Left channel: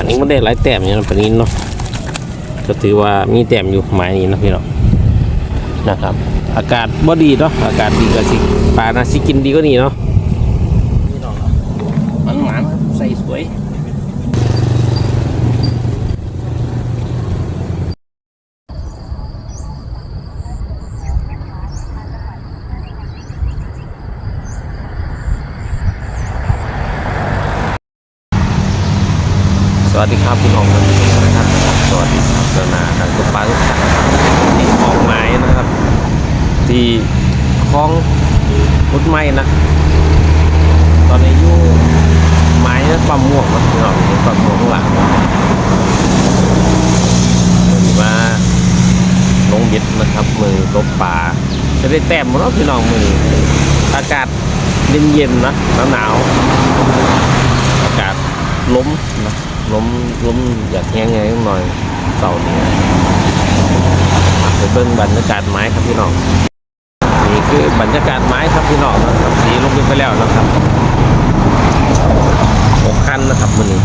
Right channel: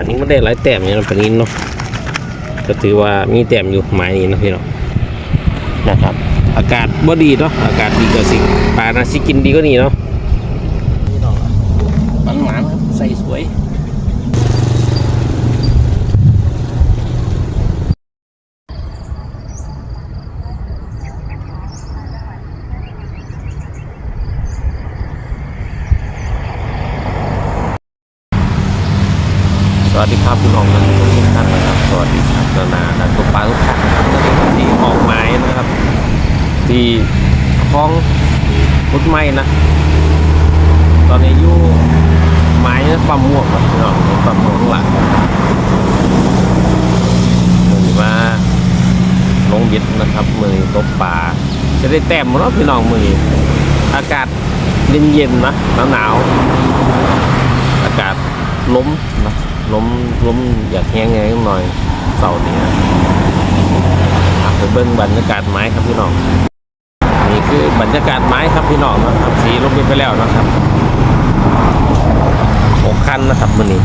ปันนี้ไม่ได้หลายแต้มอย่นั้นปันนี้เนาะก็ถือว่ามีแต้มอยู่หมายนี้นะพี่เนาะนะครับ อากาศบ่ดีเนาะอากาศดีก็สิปลานาสิกินดีก็นี่เนาะนี่ดอกละมันหวานครับใส่สวย สวัสดีครับพี่น้องท่านผู้ชมทุกท่านนะครับ สวัสดีครับนานานักตกปลาทุกท่า นะครับเมื่อนี้ที่ออกหมายนะครับ ที่คลองพุดไม้นะ ตอนนี้อยู่ไม้นะปั๊มม่วงนะพี่น้องนปั๊มม่วงหลังนะครับเหมือนว่าลงเบ็ดนะครับมือนตกปลาจะได้แต้มมดแล้วพี่น้องมือนี้อากาศเย็นๆนะหนาวๆอากาศล้มนะล้มล้มอยากแห้งไงหน่อยเสาร์นี้ ไปเบิ้งบรรยากาศไม้ครับพี่น้องนี่คือบรรยากาศไม้ครับพี่น้องนะครับสีลงไปแล้วนะครับหกคันนะครับมันนี้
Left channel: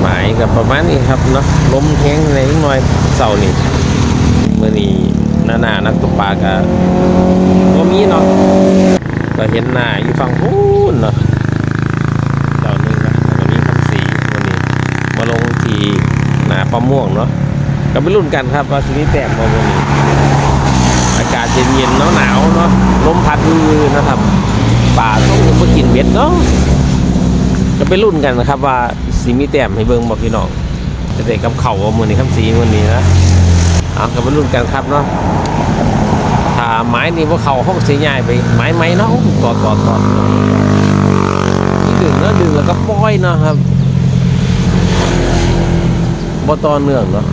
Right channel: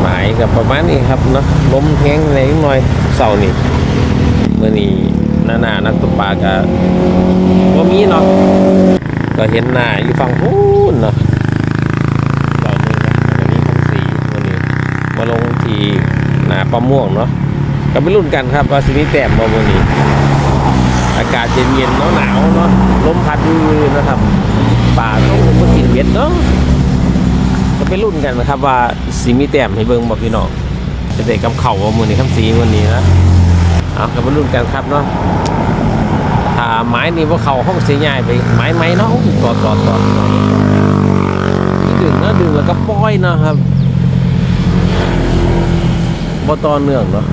ไม้กับประมาณนี้ครับเนาะล้มแห้งในหน่อยเสานี้เมื่อนี้หน้าหนานักตกปลากับว่มีเนาะก็เห็นหน้าอยู่ฝั่งพูนเนาะเสาร์นึงนะแล้วก็มีคำสีวันนี้มาลงที่หน้าปั๊มม่วงเนาะ ก็ไปรุ่นกันครับว่าสิมีแต้มมาวันนี้อากาศเย็นๆหนาวเนาะลมพัดวือนะครับป่าต้องมากินเย็นเนาะจะไปรุ่นกันนะครับ ว่าสีมีแต้มให้เบิ่งบอกพี่น้องจะได้กับเข่าว่ามือนี้คำสีมือนี้นะเอาก็ไปรุ่นกันครับเนาะถ้าไม้นี่ว่าเขาห้องสีใหญ่ไปไม้ไม้เนาะตอดตอดตอดนี่ดึงเนาะดึงแล้วก็ปล่อยเนาะครับบ่ต่อเนื่องเนาะ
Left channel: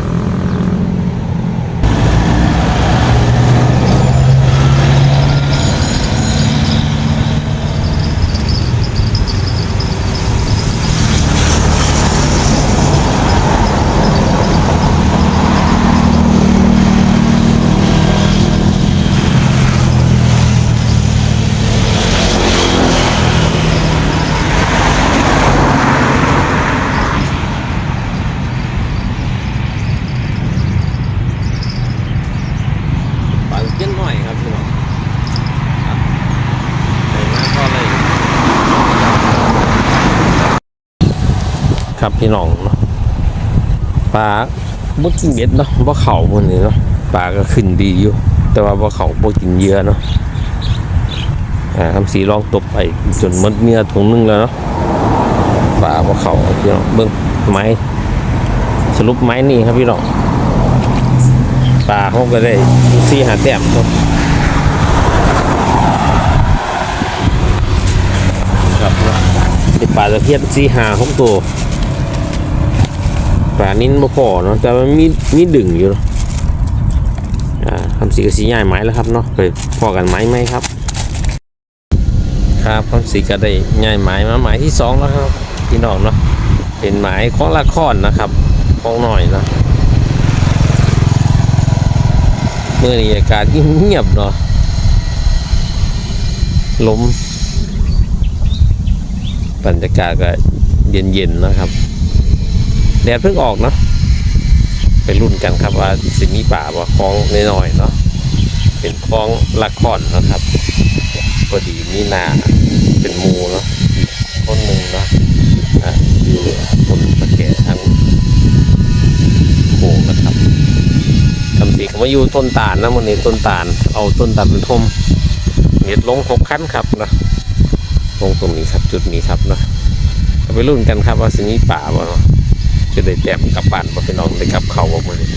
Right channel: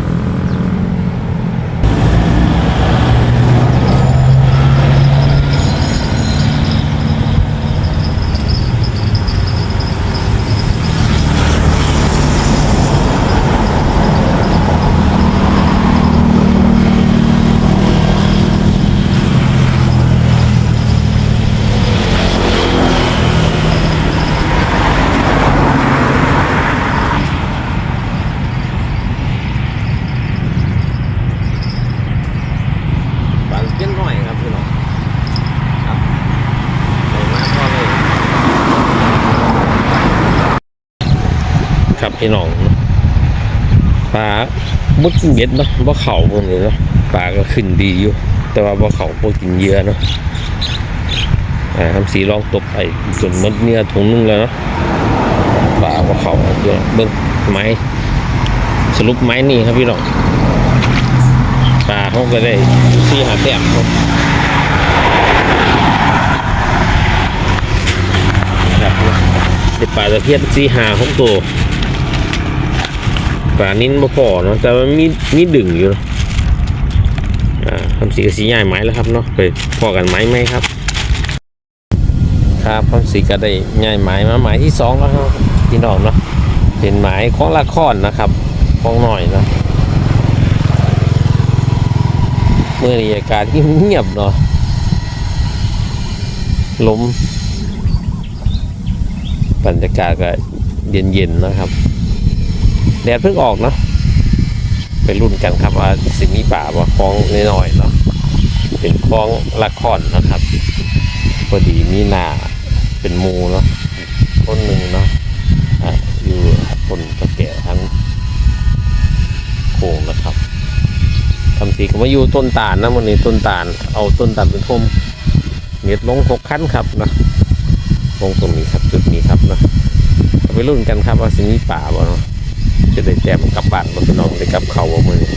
ปลาเกี้ยนหน่อยครับพี่น้องครับใส่มาก็เลย ครับ พี่น้องเนาะปลาบ่กินเบ็ดเนาะบ่เข่ามันนี่เนาะปลาก็ขึ้นดีอยู่ แต่ว่าบ่เข่าบ่กินเยื่อเนาะอ่าทำสีลองตบไปจนมดเนื้อถุงนึงแล้วเนาะปลาบ่เข่าพี่น้องเบิ่งไม้สรุปไม้นี่ครับพี่น้องปลาเขาก็ได้ซื้อหาแต้มครับครับได้ปลาตะเพียนสีหาของตัว ปลานิ้นบ่พอเนาะแต่มันมีมีดึงอยู่เนาะอ่าทำสีกับสีใหญ่ไหมแล้วครับเนาะไปพอกันไหมไหมครับ ครับทำสีก็ได้ใหญ่ไหมมาไม้ที่สองแล้วครับพี่น้องเนาะเป็นไม้ของละครนะครับของหน่อยนะเมื่อนี้อากาศเงียบเนาะลมบรรยากาศก็เย็นๆนะครับ แดดเพิ่งออกเนาะไปรุ่นกันครับว่าสิมีป่าว่าคลองน้อยๆเนาะเป็นคลองละครนะครับพอดีมีนาเป็นมูเนาะอีกคนหนึ่งเนาะอะอยู่บนตะแก่ทั้งโค้งนะครับทำสีก็มาอยู่ต้นตาลนะวันนี้ต้นตาลเอาต้นตาลเป็นทมเม็ดลงหกขั้นครับนะลงตรงนี้ครับจุดนี้ครับนะไปรุ่นกันครับว่าสิมีป่าบ่เนาะ จะได้แต้มกลับบ้านบ่พี่น้องได้กลับเขาบ่มื้อนี้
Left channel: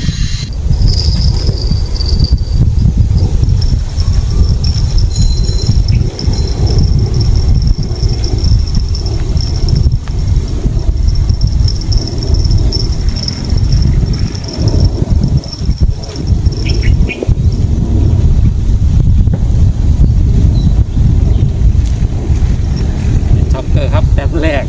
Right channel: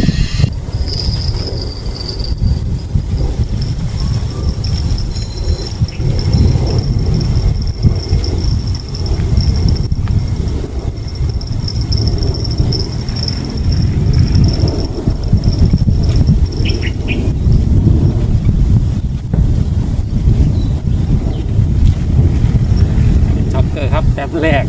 ช็อกเกอร์ครับแต้มแรก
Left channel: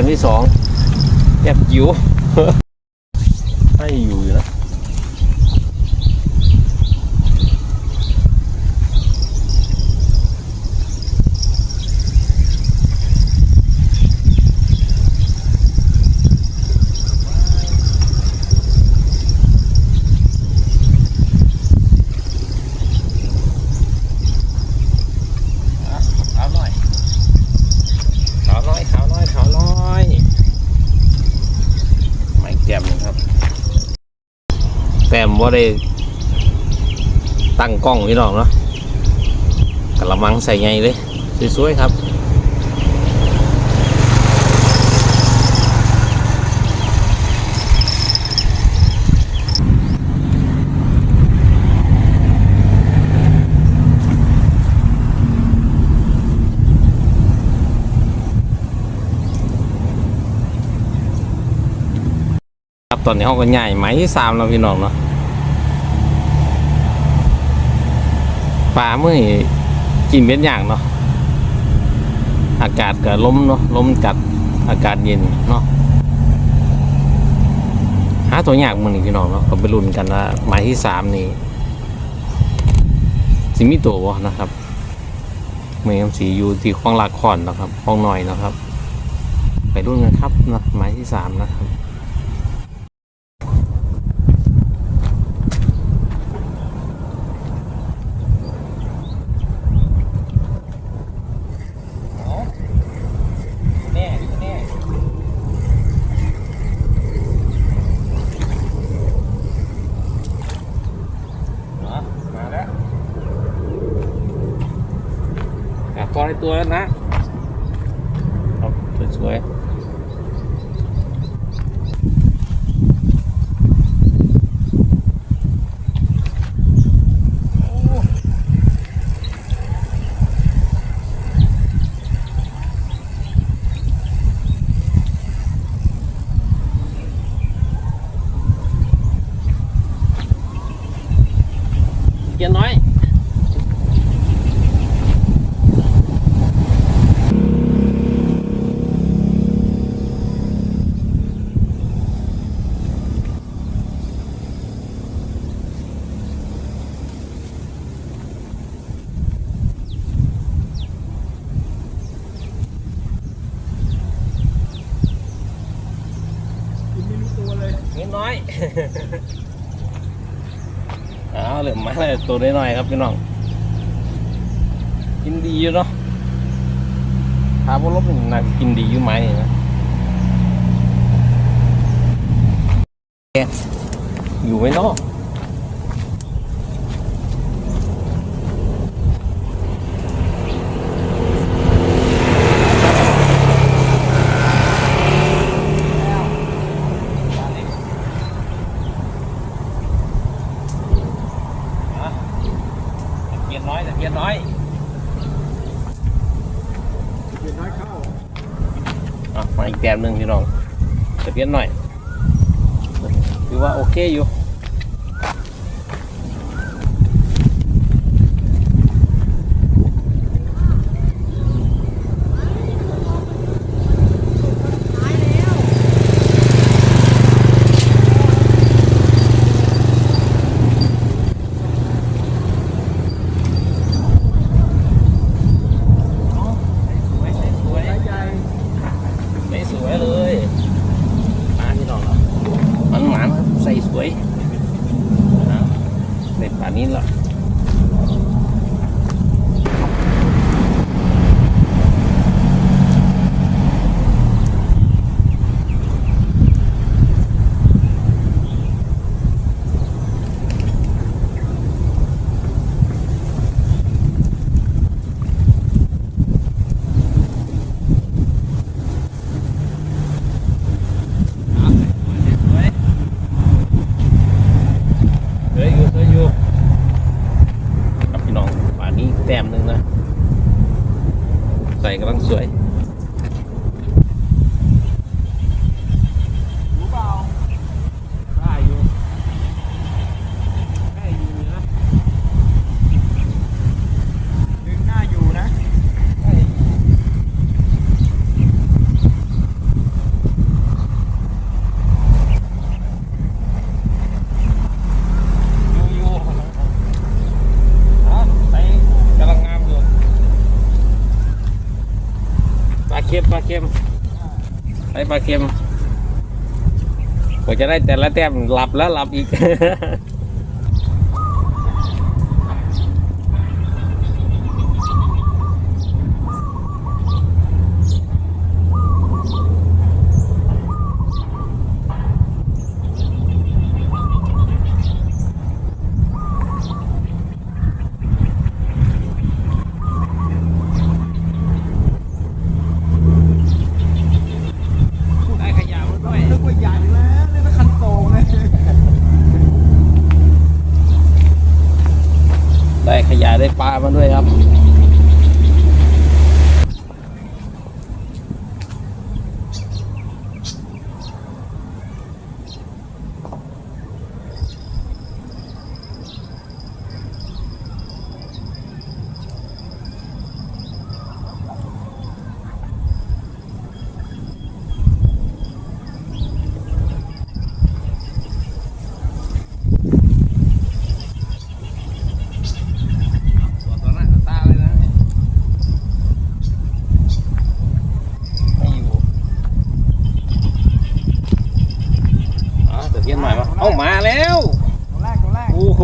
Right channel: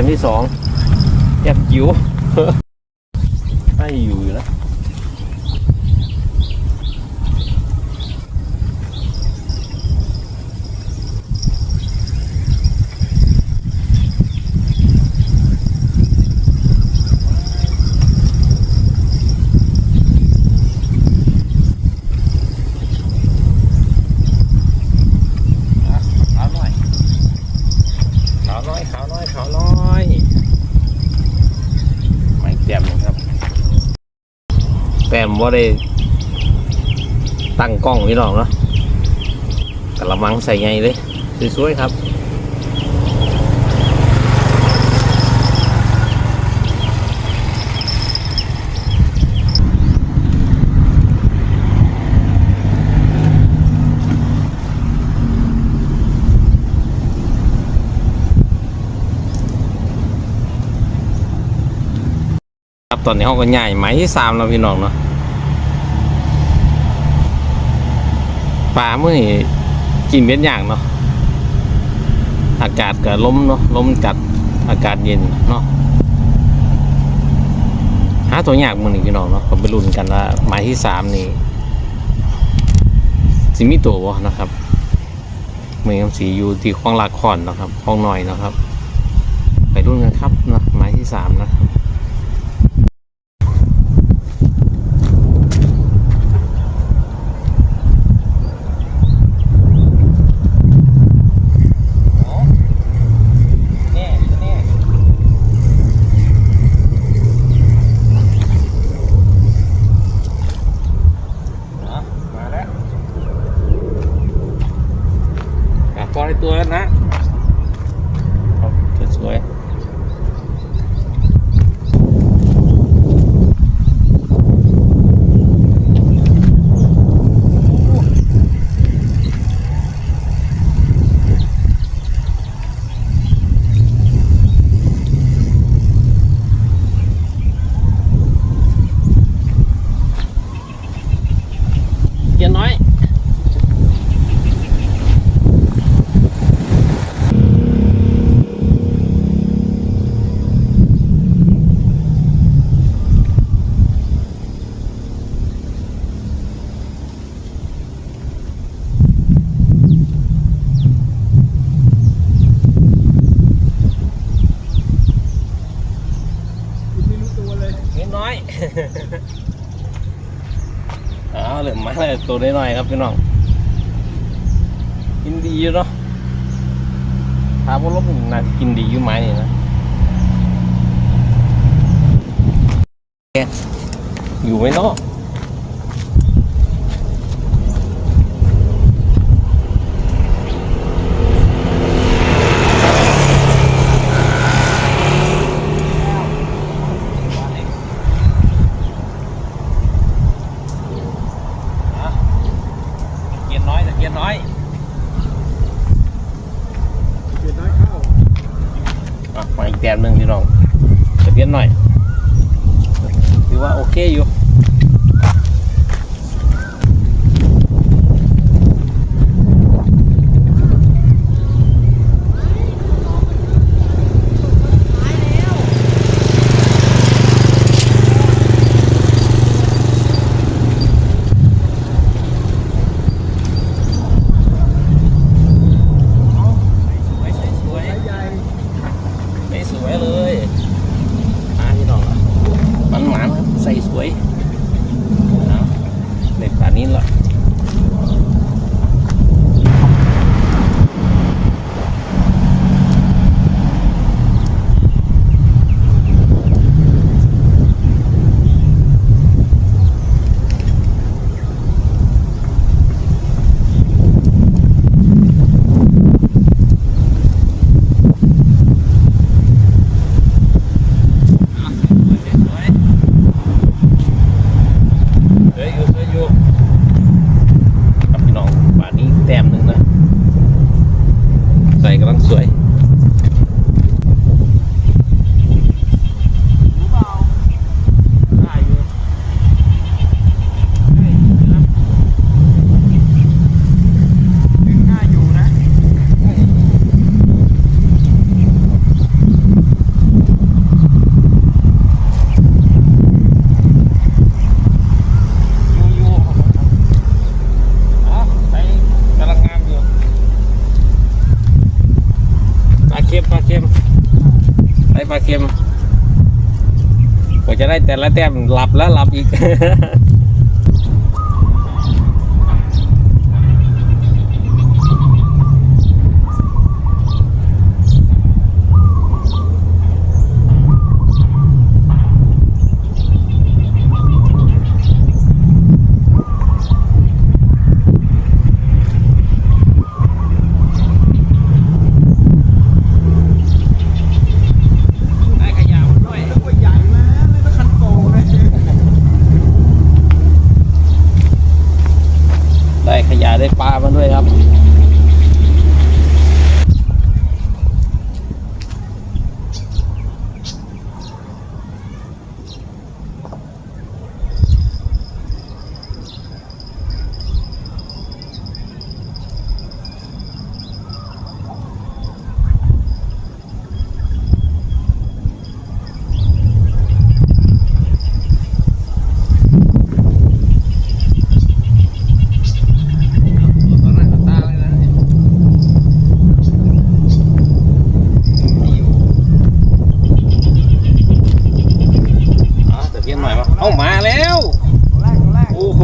ต้มที่สองแต้มจิ๋ว ไม่อยู่อยู่นะอะขาวน้อยขาวน้อยขาวน้อยขาวน้อยไม่แก้มหนึ่งครับ แต้มว่า ได้ตั้งกล้องพี่น้องเนาะกระมังใส่ไงเลยสวยๆครับครับตอนนี้เขาก็ใหญ่ไหมที่สามแล้วพี่น้องเนาะ ปลาเมื่อนี้กินเป็นอย่างเนาะอากาศก็ล้มเนาะล้มจัดอากาศเย็นเนาะหาตัวยากมือนี้พี่น้องเนาะก็ไปลุ้นกันว่าหมายที่สามนี่สิมีตัวบ่นะครับเมืองสีอยู่ที่คลองลากคอนนะครับคลองหน่อยนะครับ ไปรุ่นกันครับนะหมายที่สามนะครับ แน่แน่มาแล้วอะพอใน ตัวนะเอาสวยๆเกียร์น้อย คุณไม่รู้ตัวเลย นิดน้อย เอาเหลือมาเลย ตัวน้อยๆครับพี่น้องกินดีอยู่เนาะถามว่าลบนี่น่ากินดีอยู่ไหมนี่นะอยู่ไหมเนาะอะตะเกียนน้อยตะเกียนน้อย เดี๋ยวน้อยเข้า อะ มาอีกแต้มหนึ่งพี่น้องตะเพียนหน่อยถือว่าโอเคอยู่ สวยสวย สายใหญ่ ไม่สวยเลยมาพี่น้องอะมันหมานครับใส่สวยเอา เด็ดป่านนี้ละเอาสวยสวยสวยอยู่สวยอยู่ครับพี่น้องป่านนี้ แต้มหนึ่งนะ ใส่กำลังสวย รู้เปล่า ได้อยู่ได้อยู่นะ ดึงหน้าอยู่นะ ได้อยู่อยู่อยู่อะไปกำลังงามอยู่ปลา เค็มปลาเค็มไปปลาเค็มกว่าจะได้แต่ละแต้มหลับแล้วหลับอีก ได้ขยะมาด้วย นึกว่าใหญ่มาเลยนะคันโตเลย ได้ขยะได้ปลามาด้วยครับ ตัวต่อหน้าต่อตาเลยนะเนี่ยไม่อยู่อ๋อตะเกียนให ม่วะเอ้ามาแล้ว ตัวแรกตัวแรกโอ้โห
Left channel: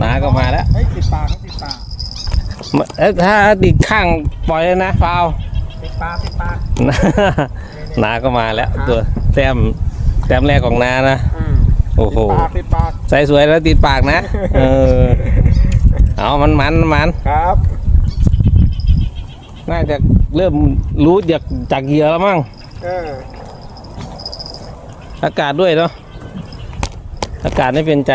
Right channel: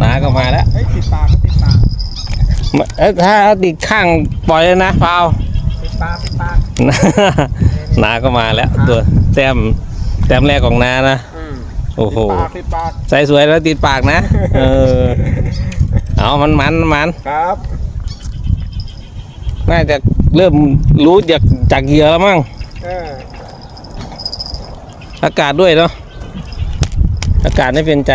นาก็มาแล้วเฮ้ยติดปากก็ติดปากมาเอ้ยถ้าติดข้างปล่อยเลยนะเปล่า ติดปากติดปากนาก็มาแล้ว ตัวแต้มแต้มแรกของนานะอืมโอ้โหติดปากติดปากใส่สวยแล้วติดปากนะ เออ เอามันมันมันครับ น่าจะเริ่มรู้จากจากเหยื่อแล้วมั้งเอออากาศด้วยเนาะ อากาศไม่เป็นใจ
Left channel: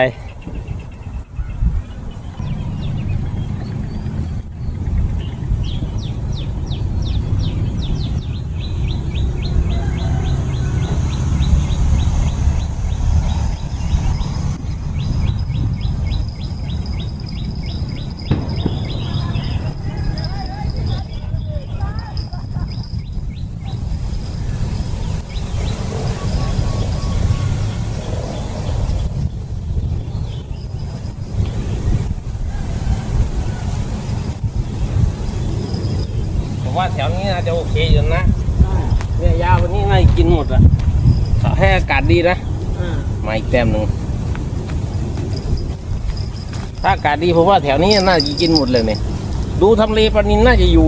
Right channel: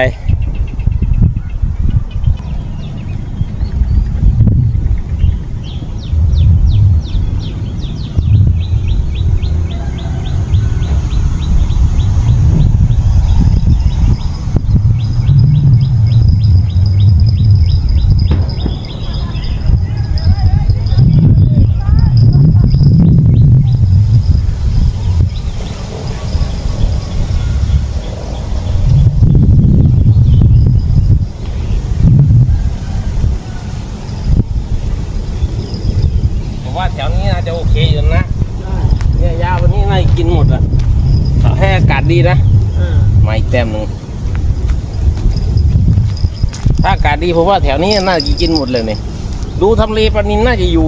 ผมว่าแถวนี้น่าจะโอเคอยู่นะ ได้ เนี่ยยาวันนี้น่าจะ กินหมดอะถ้าให้อากาศดีนะเออมาอีกแต้มหนึ่งถ้าอากาศดีผมว่าแถวนี้น่าจะกินหมดเลยเนี่ยดูทำเลปลานินน่าจะอยู่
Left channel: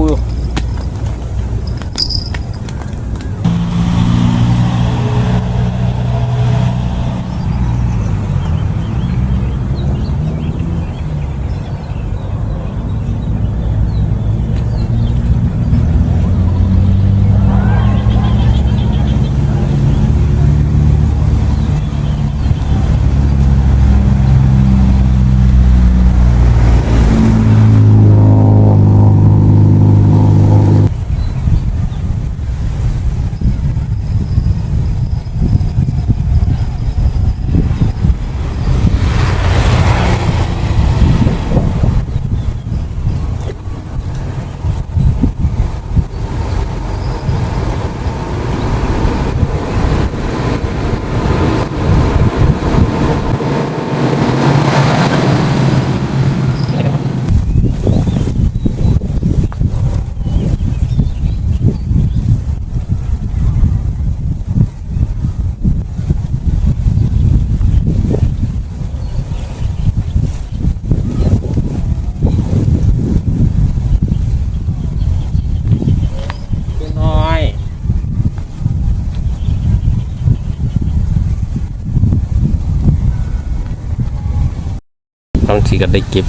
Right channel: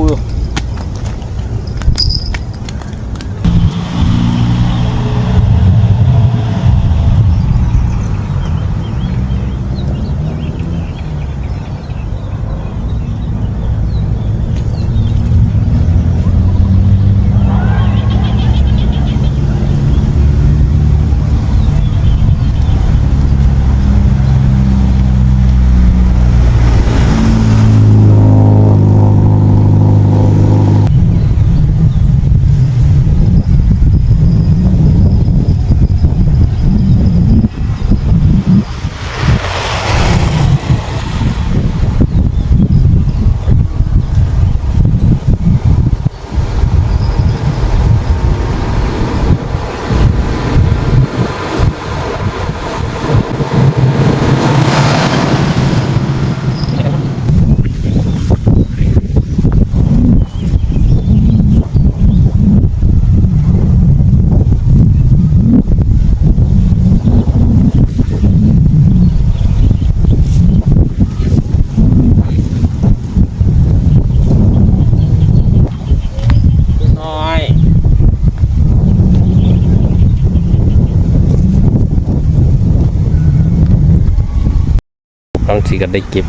ำสีก็ได้เก็บ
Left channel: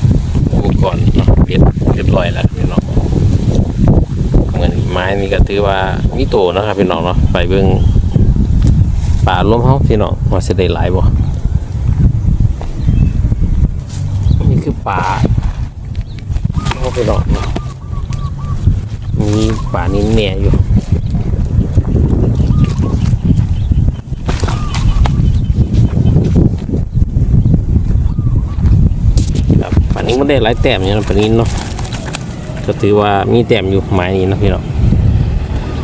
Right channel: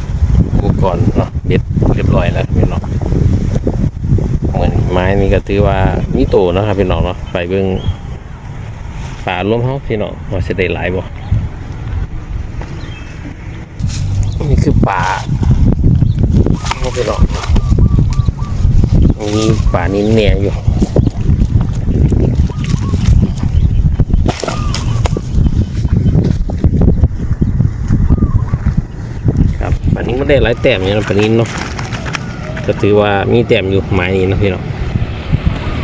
อุปกรณ์เนาะเบ็ดเรียบร้อยแล้วพี่น้องเหมือนไม้นี่ก็ถือว่ามีโตนะครับพี่น้องเนาะไปเบิ่งป่ารวมเฮาพี่น้องว่าสิได้หลายบ่นี่คือป่าเฮาพี่น้องเนาะมีป่านี้เนี่ยอยู่ ครับปันนี้ ได้หลายแต้มอย่างนั้นปันนี้เนาะก็ถือว่ามีแต้มอยู่หมายนี้นะพี่เนาะ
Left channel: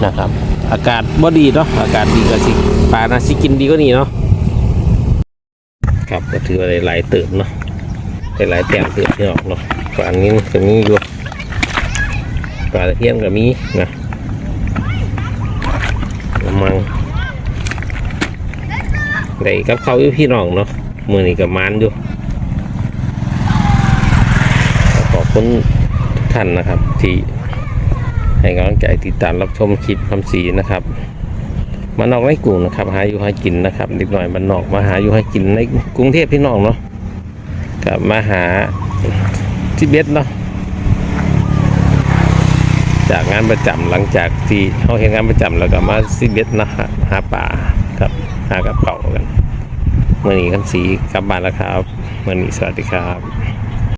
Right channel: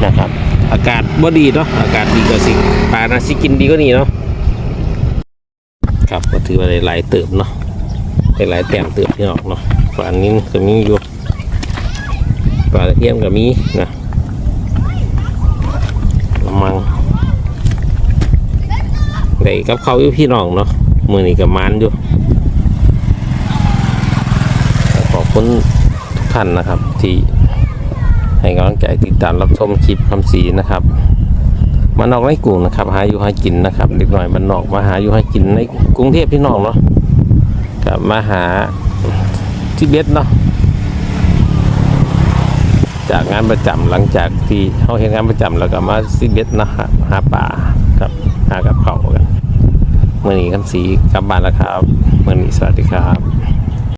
นะครับ อากาศบ่ดีเนาะอากาศดีก็สิปลาน่าสิกินดีก็นี่เนาะครับก็ถือว่าได้หลายเติบเนาะได้หลายแต้มเติบพี่น้องเนาะฝั่งนี้ก็มีอยู่ปลาตะเพียนก็มีนะมังได้กับเขาอยู่พี่น้องเนาะมือนี้กับมันอยู่ ขอบ คุณทุกท่านนะครับ ที่ให้กำลังใจติดตามรับชมคลิปคำสีนะครับมานอกในกรุงนะครับหาอยู่หากินนะครับเด็กหน่อยมันนอกมาหาอยู่หากินในกรุงเทพพี่น้องเนาะกับมาหาที่เบ็ดเนาะจากงานประจำหลังจากที่เขาเห็นงานประจำแล้วก็มาซิเบ็ดนะหาหาป่าครับหากับเขากันเมื่อนี้คำสีกลับบ้านแล้วครับเมื่อนี้สวัสดีครับ